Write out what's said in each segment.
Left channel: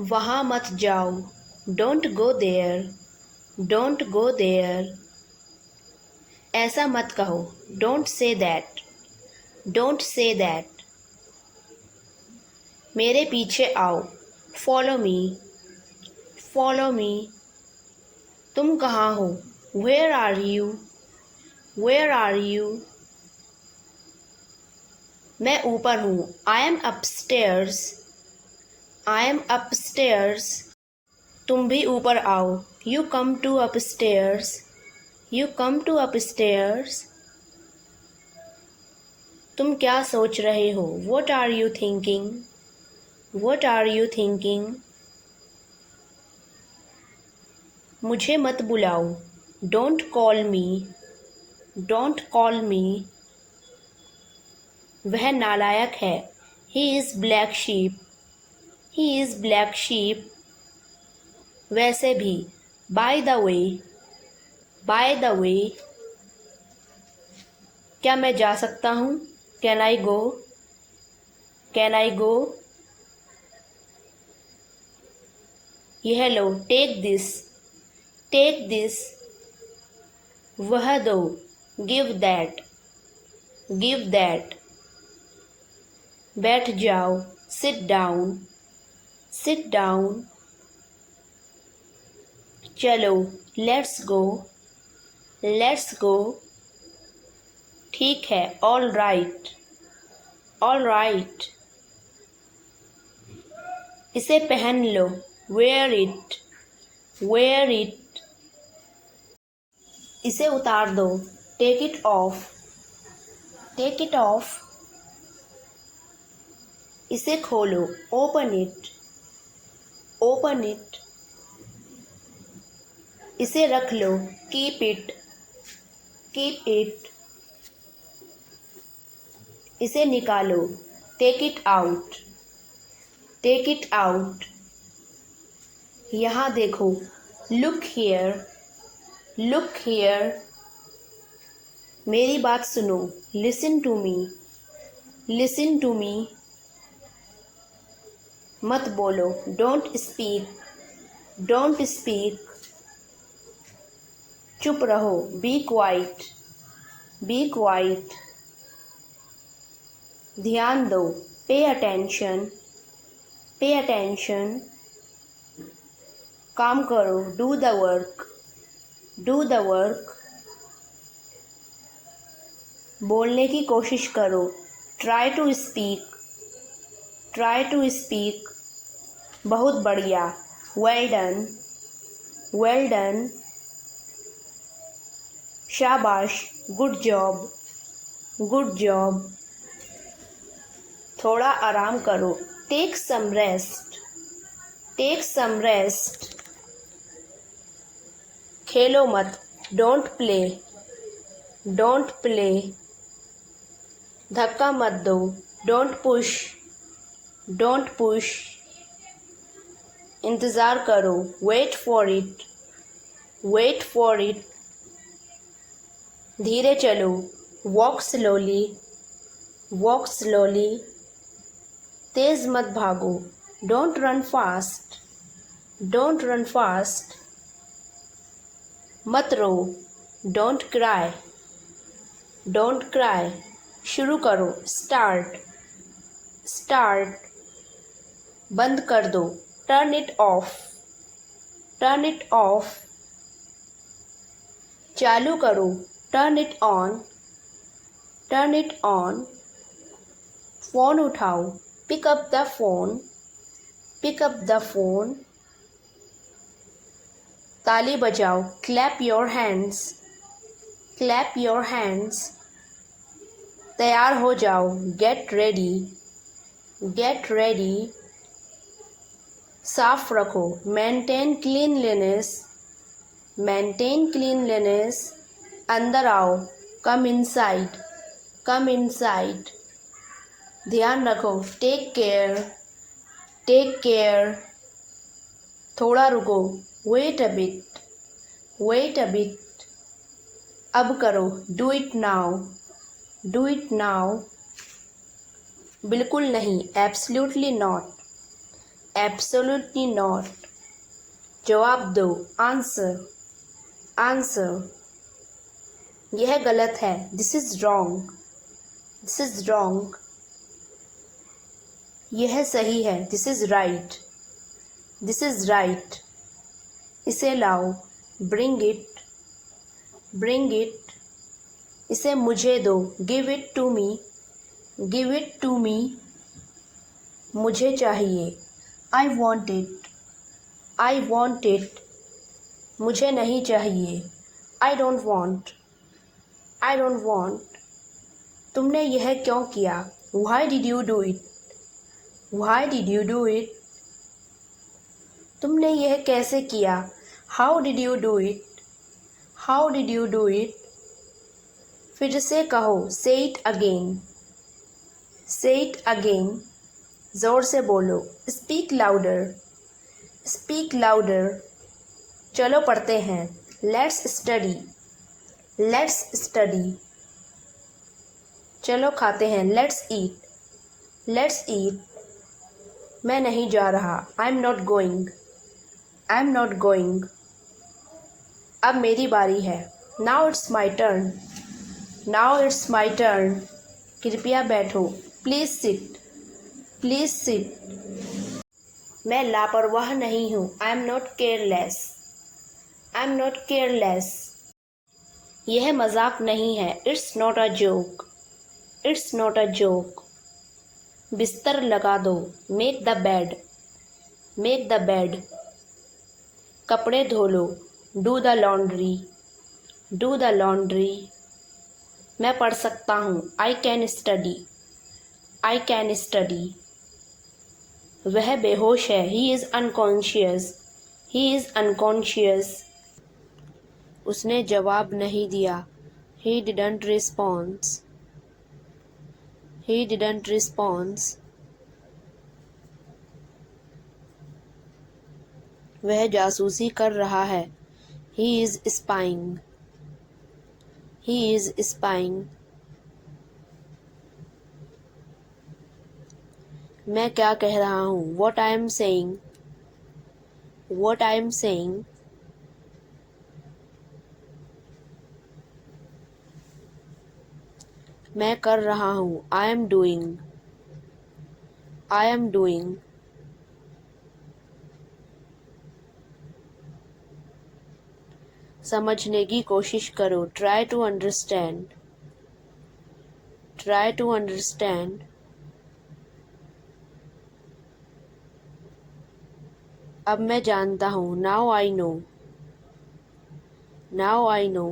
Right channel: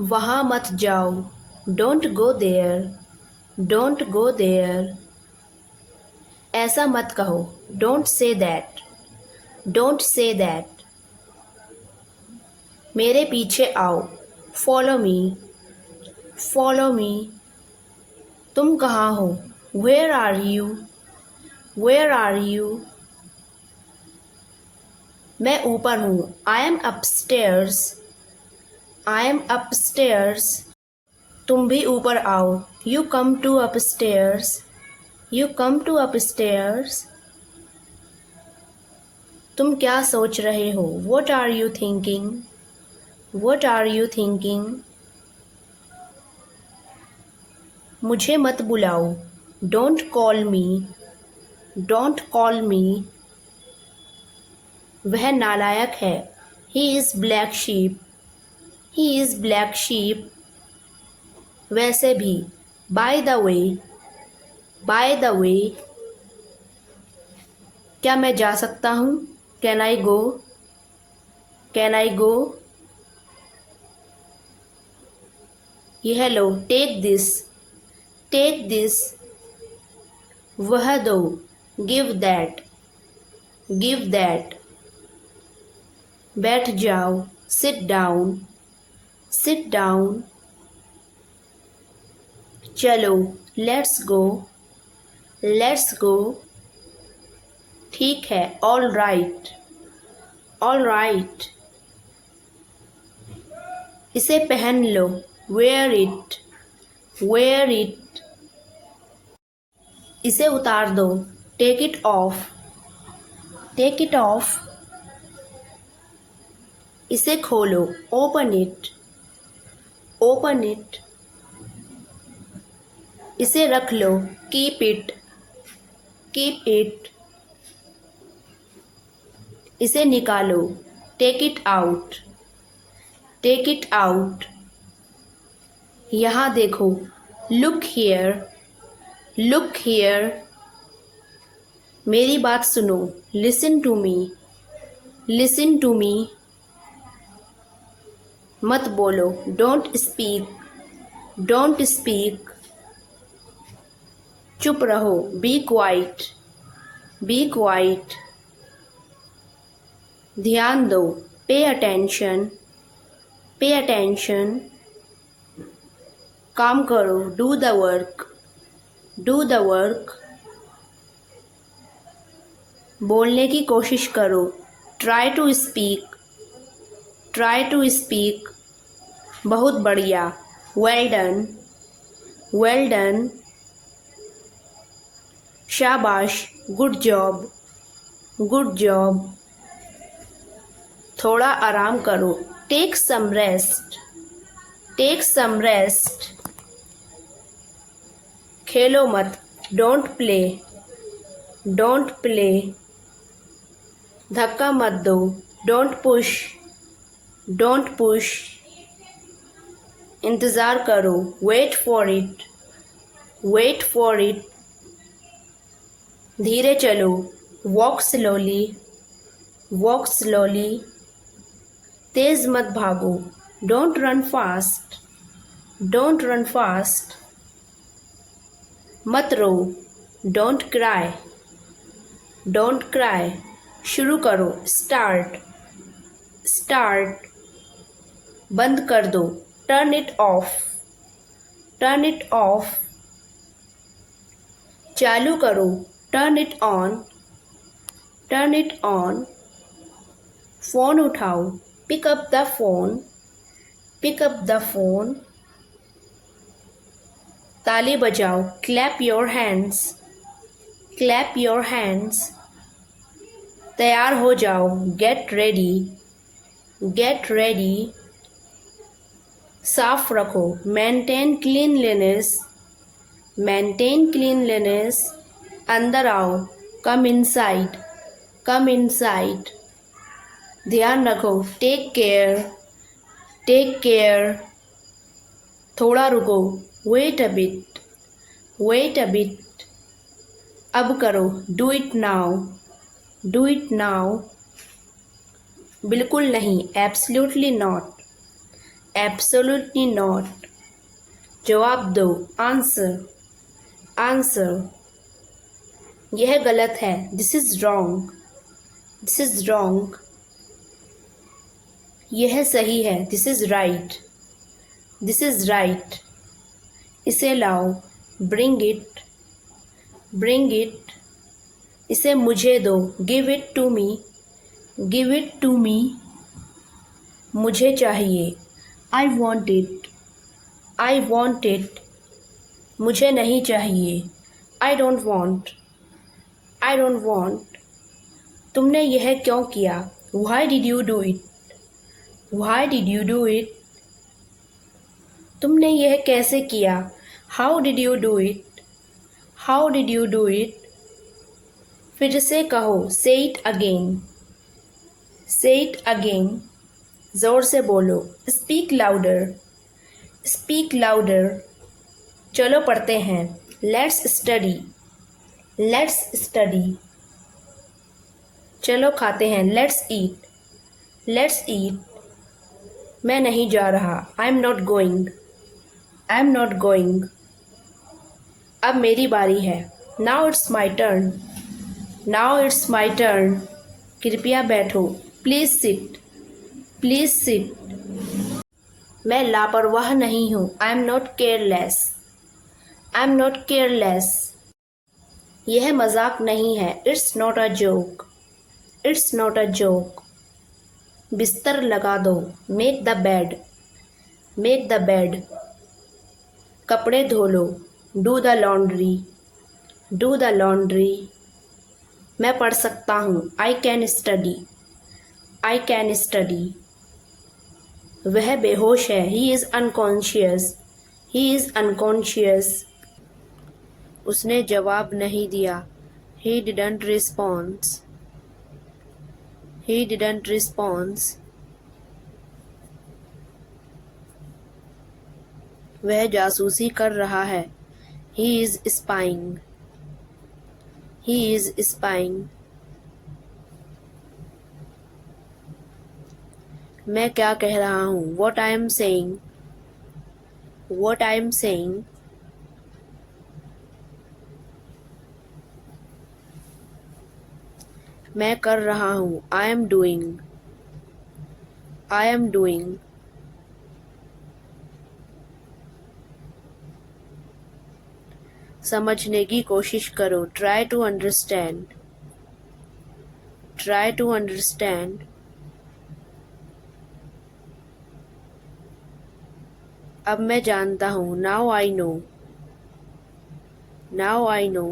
वहाँ मत जाओ, don't go there, don't go there. ऐसा मत कहो, don't say that, don't say that. मेरे पीछे आओ, फॉलो मी, फॉलो मी। तुम कहाँ हो, where are you, where are you. मैं ऊपर हूँ, I am upstairs, I am upstairs. तुम भी ऊपर आओ, you come to upstairs, you come to upstairs. तुम क्या सोच रहे हो, what are you thinking, what are you thinking. मुझे मत बुलाओ, don't call me, don't call me. वह नालायक है, he is black sheep, he is black sheep. वैसे भी, by the way, bye the वे। क्या मैं जा सकता हूँ, can I go, can I go. यह लो, टेक दिस, टेक दिस। वह दो, गिव दैट, गिव दैट। बैठ जाओ, सिट डाउन, सिट डाउन। चलो, लेट्स गो, लेट्स गो। ठीक है, ऑल राइट, ऑल राइट। इसे पहन लो, वेयर इट, वेयर इट। इसे उतार दो, take it off, take it off. इसे खोलो, ओपन इट, ओपन इट। इसे रख लो, कीप इट, कीप इट। इसे निकालो, take it out, take it out. यहाँ देखो, लुक हियर, लुक हियर। मेरी बात सुनो, listen to me, listen to me. मत बोलो, डोंट स्पीक, डोंट स्पीक। चुप रहो, बी क्वाइट, बी क्वाइट। ध्यान दो, पे अटेंशन, पे अटेंशन। काम करो, do the work, do the work. बोलने की कोशिश करो, try to speak, try to speak. बहुत बढ़िया, वेल डन, वेल डन। शाबाश, गुड जॉब, गुड जॉब। थोड़ा आराम करो, take some rest, take some rest. खेलो मत, डोंट प्ले, डोंट प्ले। धक्का मत दो, डोंट पुश, डोंट पुश। इंतज़ार करो, wait for it, wait for it. धीरे चलो, वॉक स्लोली, वॉक स्लोली। तेज मत भागो, don't run fast, don't run fast. मत रो, डोंट क्राई, डोंट क्राई। शुरू करो, स्टार्ट, स्टार्ट। बंद कर दो, turn it off, turn it off. चालू करो, turn it on, turn it on. Phone उठाओ, pick up the phone, pick up the phone. ताली बजाओ, clap your hands, clap your hands. तैयार हो जाओ, गेट रेडी, गेट रेडी। साफ रखो, मेंटेन क्लीनलीनेस, मेंटेन क्लीनलीनेस। अंदर आओ, कम इनसाइड, कम इनसाइड। ध्यान रखो, टेक केयर, टेक केयर। थोड़ा रुको, wait a bit, wait a bit. अब करो, do it now, do it now. बिल्कुल नहीं, एब्सल्युटली नॉट, एब्सोल्युटली नॉट। जवाब दो, आंसर, आंसर। यह गलत है, this is wrong, this is wrong. यह सही है, this is right, this is right. इसे लाओ, ब्रिंग इट, ब्रिंग इट। इसे मुझे दो, give it to me, give it to me. मुझे चाहिए, I want it, I want it. मुझे नहीं चाहिए, I don't want, I don't want. तुमने यह क्यों किया, why did you do it, why did you do it. तुमने यह कैसे किया, how did you do it, how did you do it. फिर से कहो, से इट अगेन, से इट अगेन। जोर से बोलो, स्पीक लाउडर, स्पीक लाउडर। चलो पढ़ते हैं, लेट्स स्टडी, लेट्स स्टडी। चलो खाते हैं, लेट्स ईट, लेट्स ईट। मैं नहीं जा रहा, आई am not going, I am not going. अब मेरी बारी है, now it's my turn, now it's my turn. कृपया बैठो, प्लीज़ सिट, प्लीज़ सिट। मैं लापरवाह नहीं हूँ, I am not careless, I am not careless. यह मजाक नहीं है, it's not a joke, it's not a joke. बिस्तर लगा दो, make the bed, make the bed. कपड़े धो लो, do the laundry, do the laundry. मैं पढ़ सकता हूँ, I can study, I can study. वह बेहोश है, he is unconscious, he is unconscious. उसने जवाब नहीं दिया, he didn't response, he didn't response. वह जासूसी कर रहा है, he is spying, he is spying. मैं क्या कह रहा हूँ, what I am saying, what I am saying. मैं कर रहा हूँ, I am doing, I am doing. समझने की कोशिश करो, try to understand, try to understand. अब मैं जानता हूँ, now I know, now I know.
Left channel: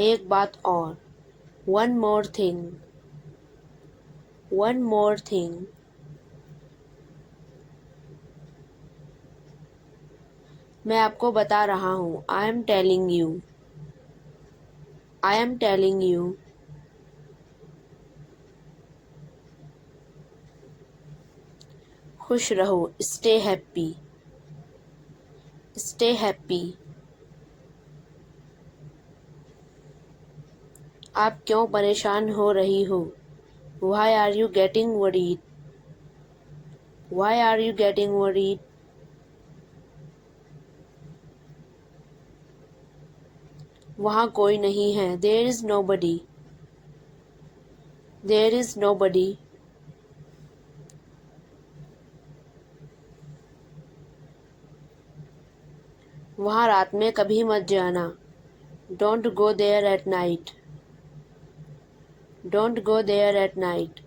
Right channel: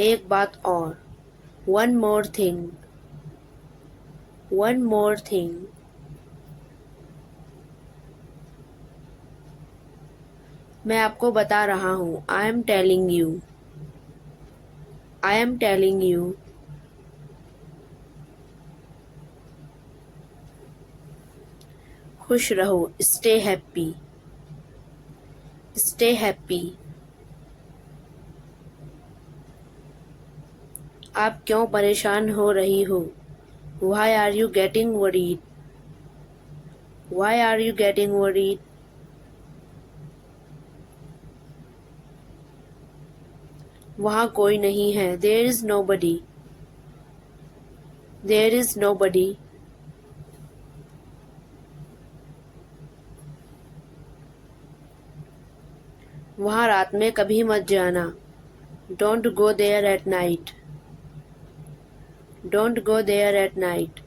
एक बात और, one more thing, one more thing. मैं आपको बता रहा हूँ, I am telling you, I am telling you. खुश रहो, स्टे हैप्पी, स्टे हैप्पी। आप क्यों परेशान हो रही हो, why are you getting worried, why are you getting worried. वहाँ कोई नहीं है, there is nobody, there is nobody. वहाँ रात में कभी मत जाना, don't go there at night, don't go there at night.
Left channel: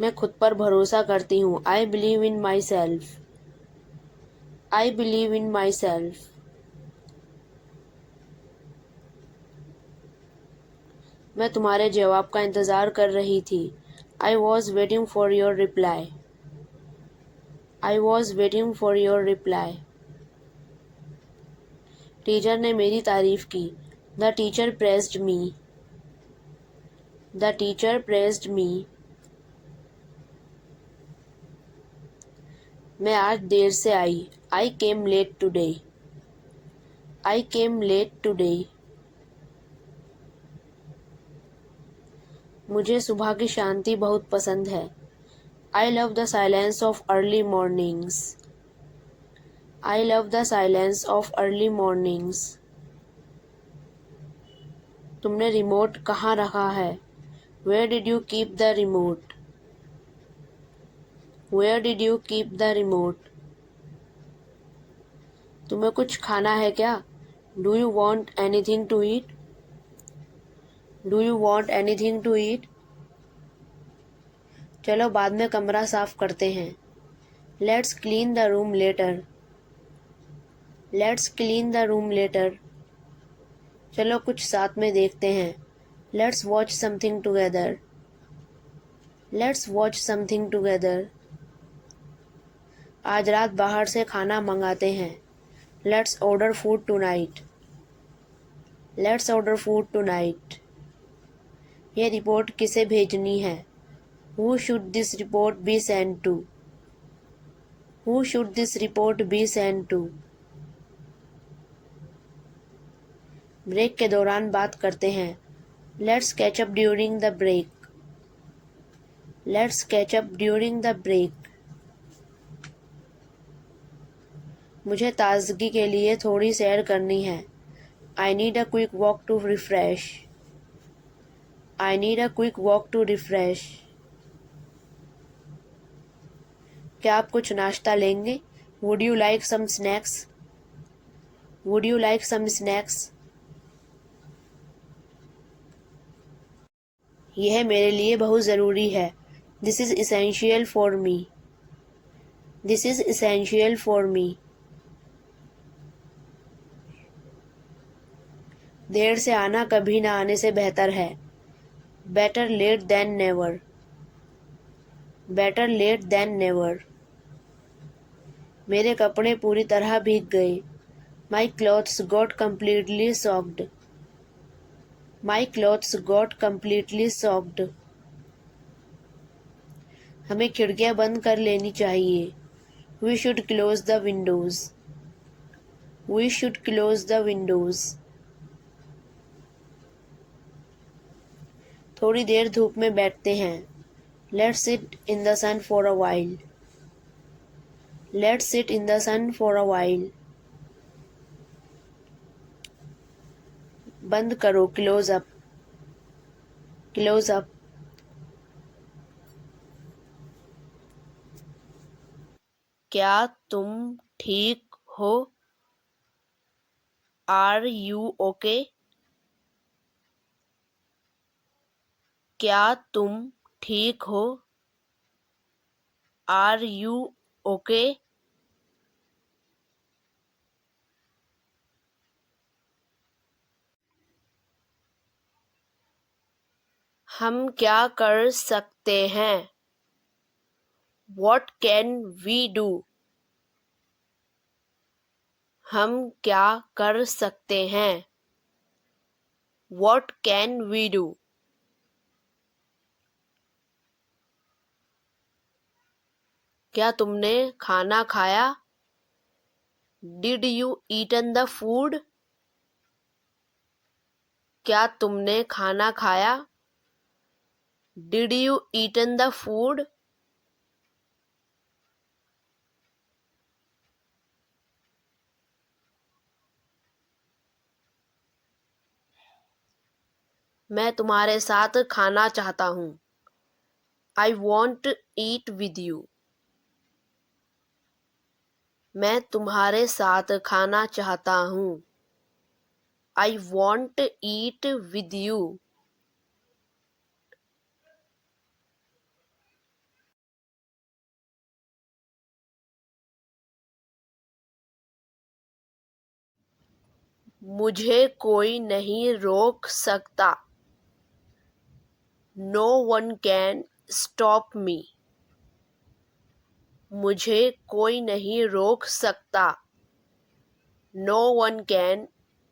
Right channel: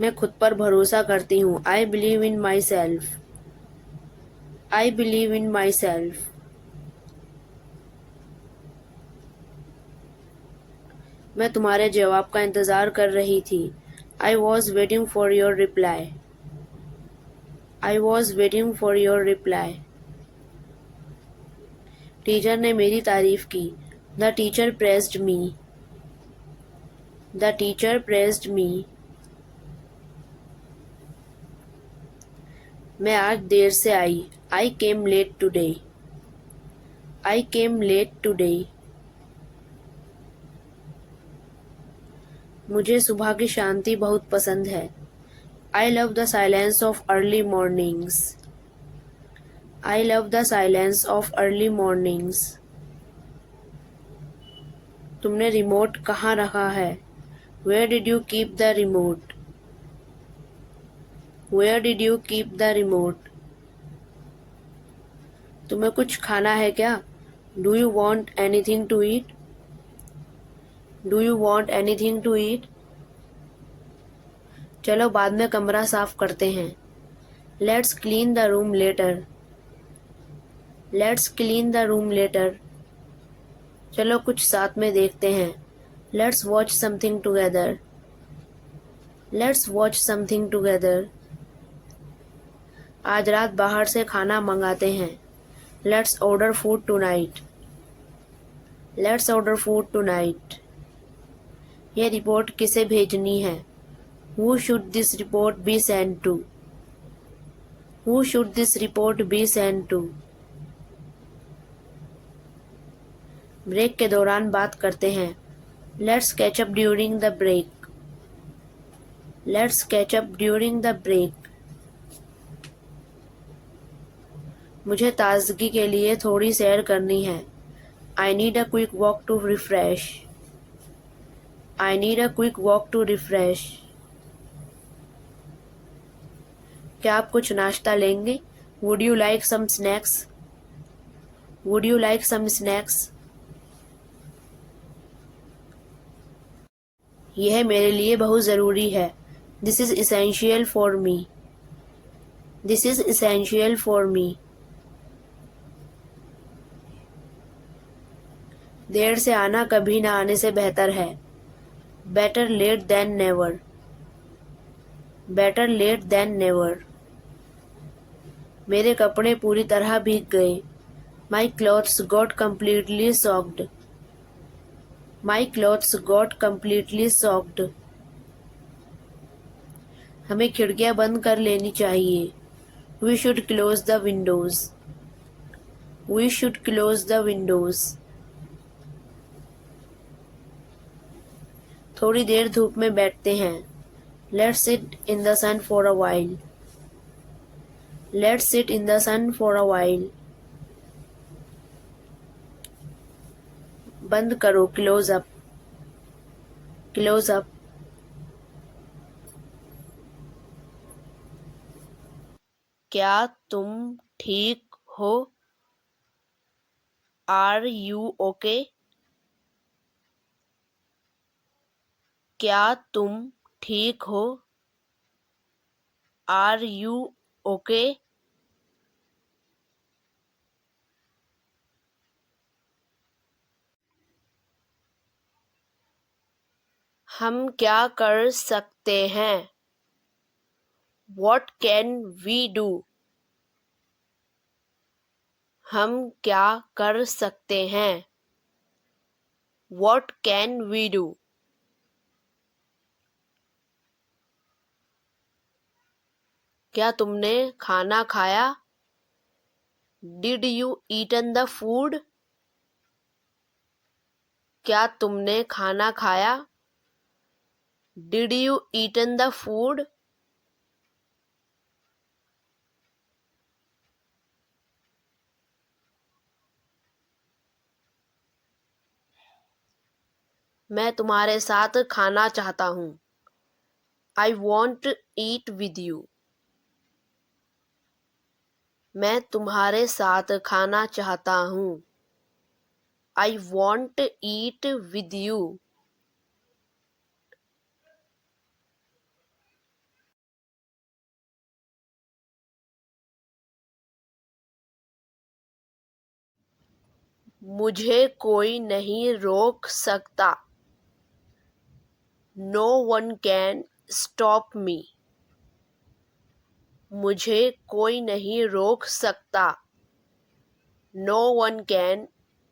मैं खुद पर भरोसा करती हूँ, I believe in myself, I believe in myself. मैं तुम्हारे जवाब का इंतज़ार कर रही थी, I was waiting for your reply, I was waiting for your reply. Teacher ने मेरी तारीफ की, the teacher praised me, the teacher praised me. मैं आज देर से आई, I came late today, I came late today. मुझे सुबह की शांति बहुत पसंद है। I love the silence of early mornings. I love the silence of early mornings. तुमने रिमोट कहाँ रखा है? Where did you keep the remote? Where did you keep the remote? तुम्हें कुछ खाना है क्या? Do you want anything to eat? Do you want anything to eat? चलो बाद में कमरा साफ करते हैं। Let's clean the room later. Let's clean the room later. चलो कुछ साथ में देखते हैं। Let's watch something together. Let's watch something together. आज रात बाहर से खाना मंगाते हैं। Let's order food tonight. Let's order food tonight. ये रिपोर्ट किसे भेजनी है? Who should this report be sent to? Who should this report be sent to? Break के दौरान बात करते हैं। Let's catch up during the break. Let's catch up during the break. मुझे ताजगी के लिए थोड़ी सैर करनी है। I need a quick walk to refresh. I need a quick walk to refresh. क्या आप कुछ नाश्ता लेंगे? Would you like some snacks? Would you like some snacks? यह मेरे लिए बहुत ज़रूरी है। This is essential for me. This is essential for me. देर से आना कभी ना आने से बेहतर है। Better late than never. Better late than never. मेरे कपड़े पूरी तरह भीग गए। My clothes got completely soaked. My clothes got completely soaked. हमें खिड़कियां बंद कर लेनी चाहिए। We should close the windows. We should close the windows. थोड़ी देर धूप में बैठते हैं। Let's sit in the sun for a while. Let's sit in the sun for a while. बंद करो, close up. Close up. क्या तुम ठीक हो? Are you okay? क्या तुम ठीक हो? Are you okay? हम क्या कर सकते हैं? What can we do? हम क्या कर सकते हैं? What can we do? क्या तुमने खाना खाया? Did you eaten the food? क्या तुमने खाना खाया? Did you eaten the food? मैं तुम्हारे साथ खाना चाहता हूँ। I want to eat with you. मैं तुम्हारे साथ खाना चाहता हूँ। I want to eat with you. मुझे कोई नहीं रोक सकता। No one can stop me. मुझे कोई नहीं रोक सकता। No one can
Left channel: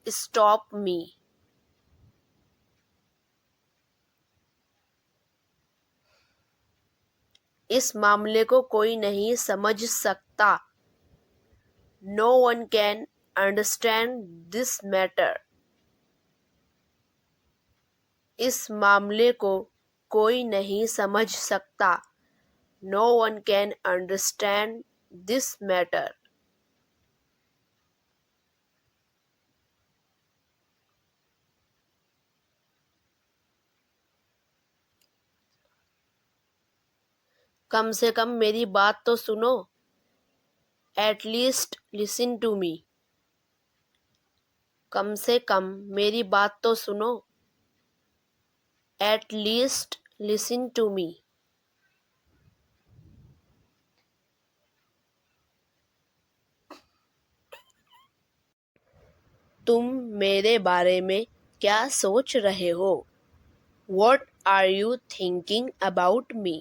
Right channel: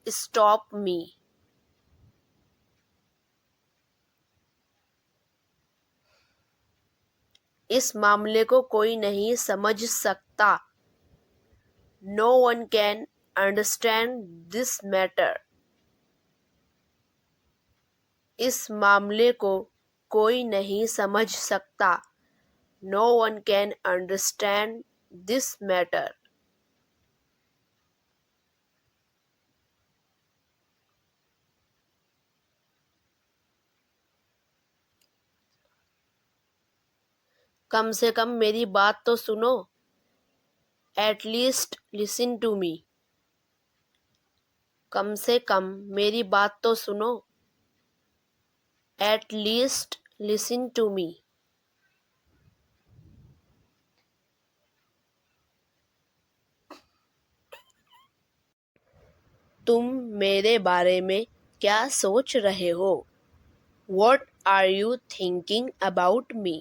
stop me. इस मामले को कोई नहीं समझ सकता। No one can understand this matter. इस मामले को कोई नहीं समझ सकता। No one can understand this matter. कम से कम मेरी बात तो सुनो। At least listen to me. कम से कम मेरी बात तो सुनो। At least listen to me. तुम मेरे बारे में क्या सोच रहे हो? What are you thinking about me?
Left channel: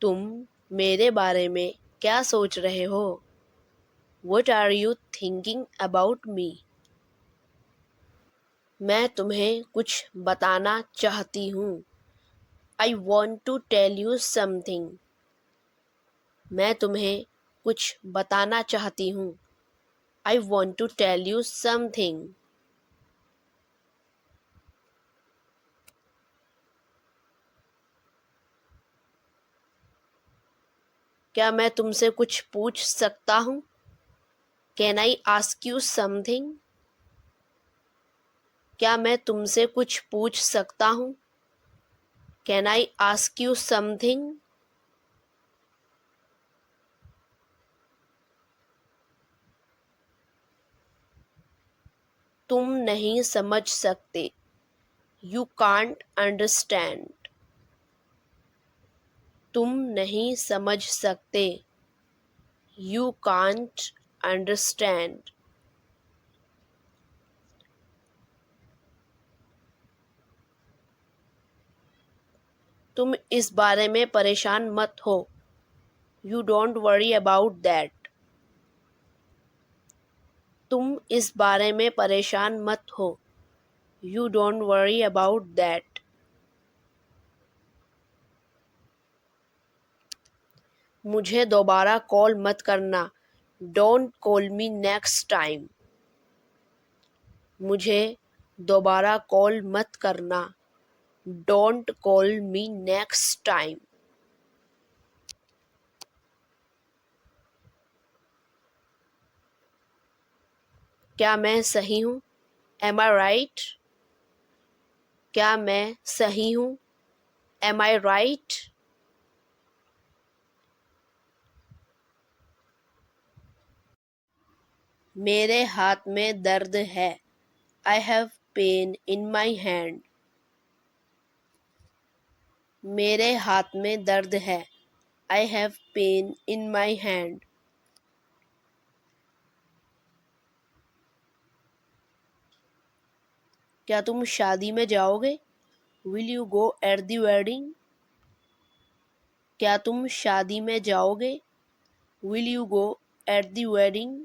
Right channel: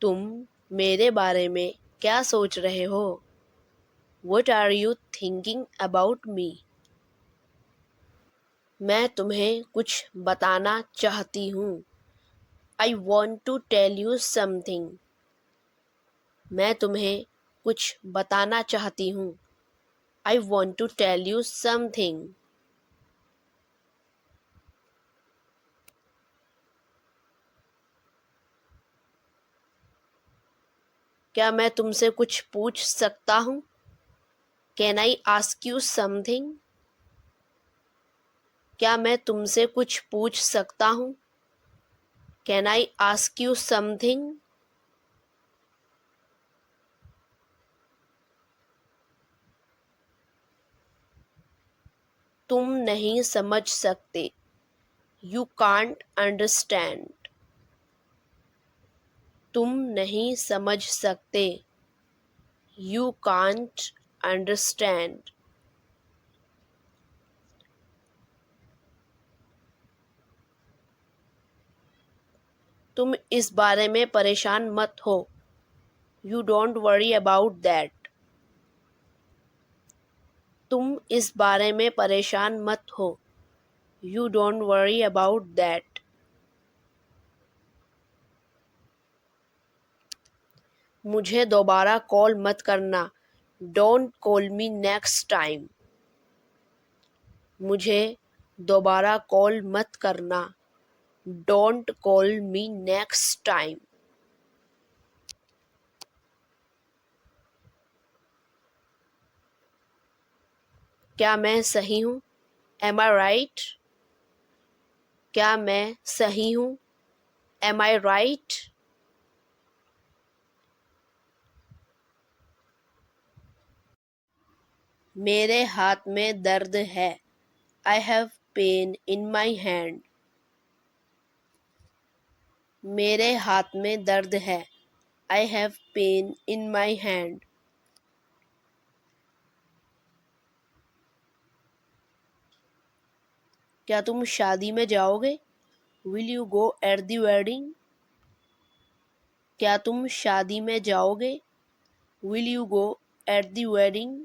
तुम मेरे बारे में क्या सोच रहे हो? What are you thinking about me? मैं तुम्हें कुछ बताना चाहती हूँ। I want to tell you something. मैं तुम्हें कुछ बताना चाहती हूँ। I want to tell you something. क्या मैं तुमसे कुछ पूछ सकता हूँ? Can I ask you something? क्या मैं तुमसे कुछ पूछ सकता हूँ? Can I ask you something? तुम नहीं समझ सकते। You can't understand. तुम नहीं समझ सकते। You can't understand. तुम इस बारे में परेशान मत हो। You don't worry about that. तुम इस बारे में परेशान मत हो। You don't worry about that. मुझे दोबारा कॉल मत करना। Don't call me next time. मुझे दोबारा कॉल मत करना। Don't call me next time. क्या मैं सही हूँ? Am I right? क्या मैं सही हूँ? Am I right? मेरे हाथ में दर्द है। I have pain in my hand. मेरे हाथ में दर्द है। I have pain in my hand. क्या तुम शादी में जाओगे? Will you go at the wedding? क्या तुम शादी में जाओगे? Will you go at the wedding?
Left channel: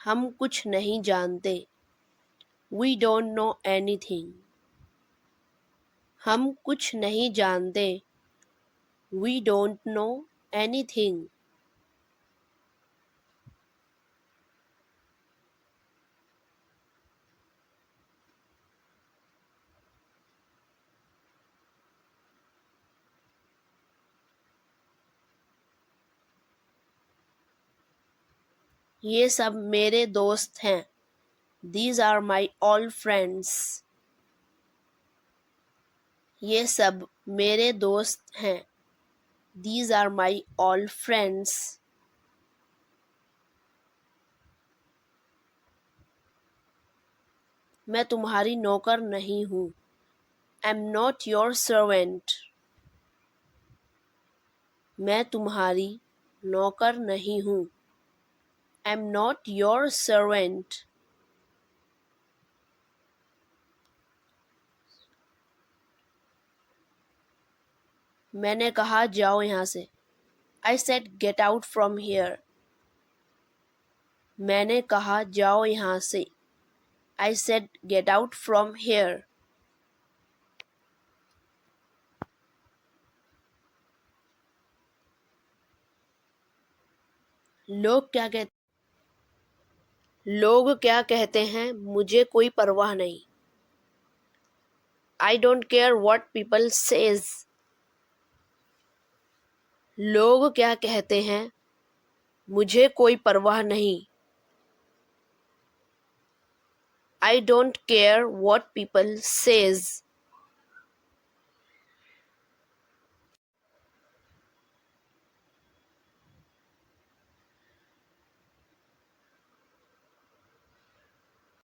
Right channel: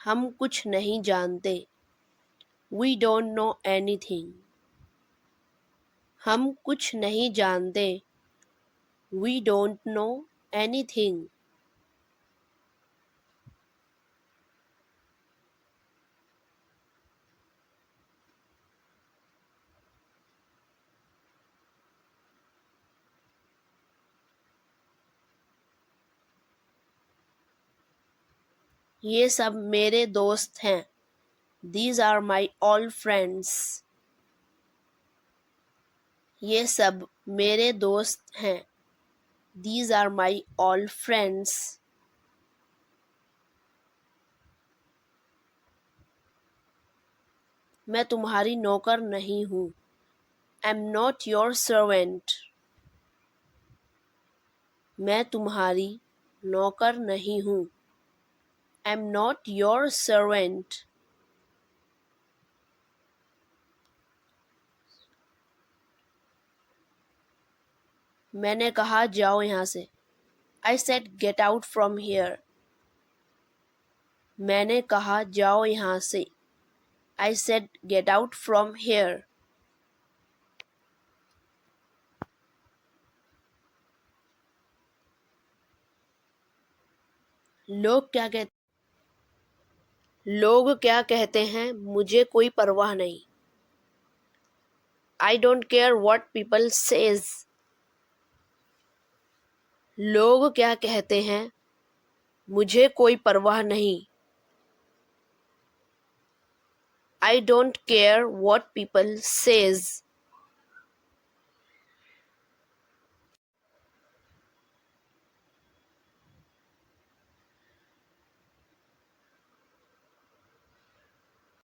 हम कुछ नहीं जानते। We don't know anything. हम कुछ नहीं जानते। We don't know anything. ये सब मेरे दोस्त हैं। These are my all friends. ये सब मेरे दोस्त हैं। These are my all friends. मैं तुम्हारी नौकर नहीं हूँ। I'm not your servant. मैं तुम्हारी नौकर नहीं हूँ। I'm not your servant. मैंने कहा जाओ यहाँ से। I said get out from here. मैंने कहा जाओ यहाँ से। I said get out from here. लोग क्या कहते हैं मुझे कोई परवाह नहीं। I don't care what people says. लोग क्या कहते हैं मुझे कोई परवाह नहीं। I don't care what people says.